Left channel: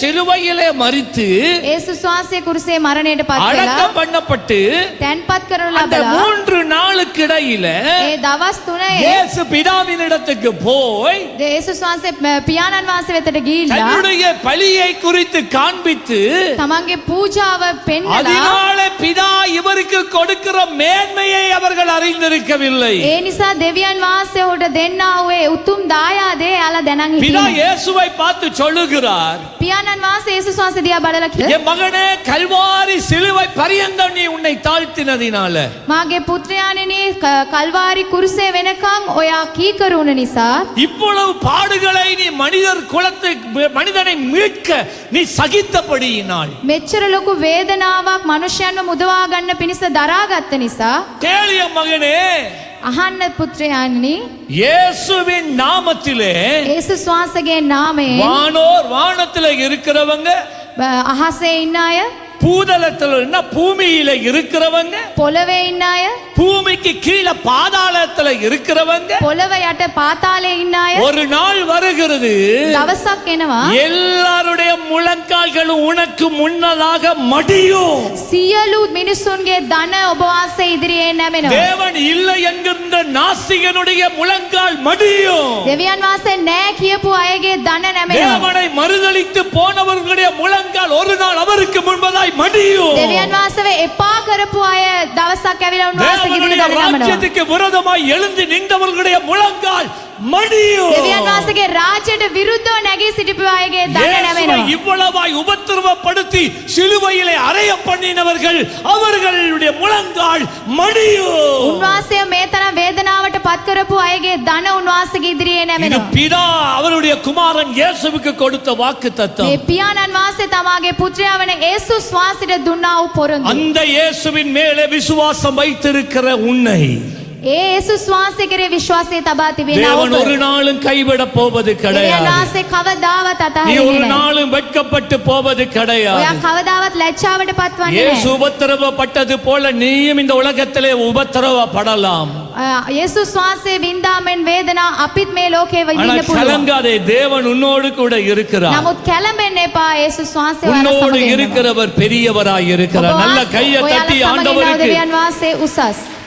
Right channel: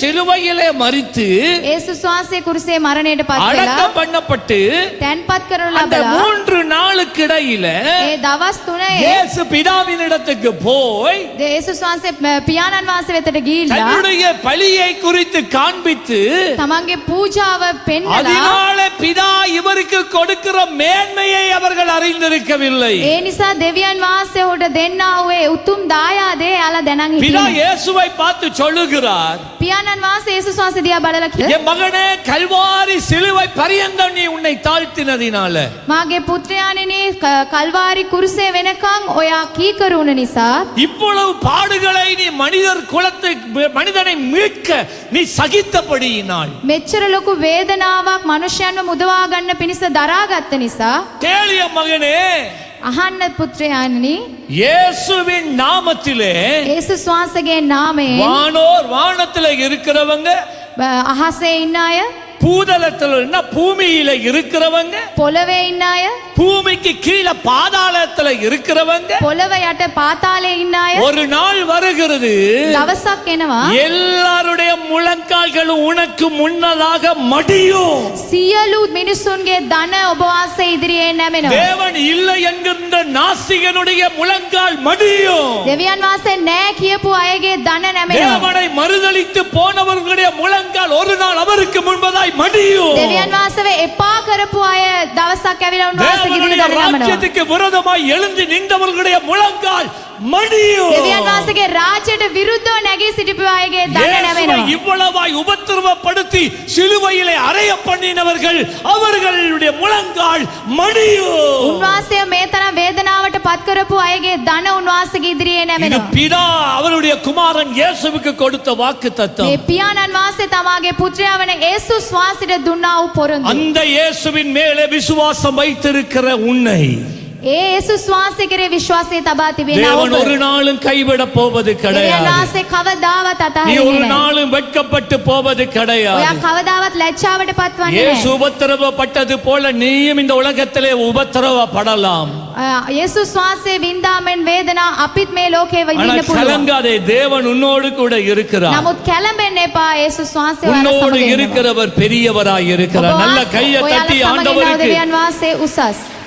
சிலுவையிலே மறித்து இயேசு சுவாசே குருசே மரணேட பார்த்தல அடக்கம் பண்ணப்பட்டு தென் பாத்கரோல அந்த மூன்று நாளுக்கு இடையில ஏ தவஸ் துணை இயேசு பிதாவின் இடத்துக்கு போய் இயேசு சுவாசே பியானன் வாச வெத்தட கீழ தன்னுடைய பலியை குறித்து காண்பித்து தமங்கே பூஜாவ பெண்ணலா அதனால பிதா இவருக்கு கொடுக்கிற மேன்மையை அவர்கள் அறிந்திருக்கவில்லை ඒ නිසා දෙවියන් වහන්සේ ඔහුට දෙන්නා වූ ඒ උතුම් දායාදේ යාලා දැනන් பிதா හිටියේ இயேசுவை பார்த்து சொல்லுகிறார் පියාණන් වහන්සේ ඒසුස් වහන්සේ දිහා බලලා කිව්වා என் மகனே கல்வாரி சிலுவை பரியந்தம் நீ உன்னை தாழ்த்தினதினால මාගේ පුත්‍රයාණෙනි ක- කල්වාරි කුරුසේ වෙනකන් ඔයා කීකරුණ නිසා இவ்வளவு பாடுகளை நீ மனிதர் குலத்தை மனிதனை மீட்க நீ சகித்தபடியினால் මෙච්චර ලොකු වේදනාවක් මනුෂ්‍යයන්ව මුදවා ගන්න පිණිස දරාගත්ත නිසා கேளிய மகனே අහන්න පුත්‍රයාණනි இயேசுவின் நாமத்திலே ඒසුස් වහන්සේගේ නාමයෙන් வானோர் வானத்துல இருக்கிறவங்க බ- අහසේ ඉන්න අය பூதளத்தில் என்ன பூமியில இருக்கிறவங்க பொலவே இன்னாய பூமிக்கு கீழே பாதாளத்துல இருக்கிறவங்க பொலவையாட்ட பார்த்தாலே இன்னாய? ஒரு நாள் வருகிறது. தவசாக்கேனவா எல்லாருடைய முழங்கால்களும் உனக்கு முன்னதாக மடியும். சியலு மினிசுன்கே தன உபவாச எதிரியே நமெனோ தேவன் இல்லை என்கின்ற நாசிகனுடைய முழங்கால் மடியும். தேவியான் வாசே நே கியப்பு அயகே தன மறுதலித்து போனவர்களுடைய முழங்கால் ஒரு நாள் அவருக்கு முன்பதாய் மடியும் දෙවියන් වහන්සේව එපා කරපු අය දවසක් ඇවිල්ලා උන්වහන්සේ தேவனுடைய ඉදිරියට නමනවා ராஜ்யத்துக்கு விரோதமாய் எழுந்து நின்றவர்களுடைய முழங்கால் மடியும் දෙවියන් වහන්සේගේ රාජ්‍යයට විරුද්ධව නැගී සිටිපු අයගේ ධන இயேசுவை නැමෙනවා இவ்வளவாய் உபத்திரவப்படுத்தி சிலுவையிலே அறைய பண்ணினவர்கள் அவர்களுடைய முழங்கால் மடியும் උන්වහන්සේ මේ ಸಕ್ಕರಪು ಐಗೆ ಧನವನ್ನು ಆಸೆಗೆ ಇದ್ರಿ ಏನೇ ಪಿತಾ ಅವರುடைய குமாரன் இயேசுவுக்கு கொடுத்த வாக்கு தத்தம் பியானன் வாசை தமாகே புத்திர அவனை இயேசு சுவாசிட துண்ணாவு பொருந்து அந்த இயேசுவின் மேலே விசுவாசம் வைத்திருக்கிற உன்னை. ஏசு சுவாசிக்கிற விசுவாசத்தை தபாத்திவே தேவன் ஒரு நாளும் கைவிட போவது கிடையாது. கவதாவத் அத்தா ஒரு நாளும் வெட்கப்பட்டு போவது கிடையாது. கவதாவத் லட்சாவட பத்வன் இயேசு போல நீயும் இந்த உலகத்திலே உபத்திரவப்படலாம். இயேசு சுவாசே விந்தாமென் வேதனா அபித் லோகே வைதின புரு தேவன் உன்னோடு கூட இருக்கிறார். நமது கலம்பென்னேப்பா இயேசு சுவாசே உன்னோடு இருக்கிறவர் பெரியவராய் இருக்கிறார். நல்ல கையை தட்டி ஆண்டவருக்கு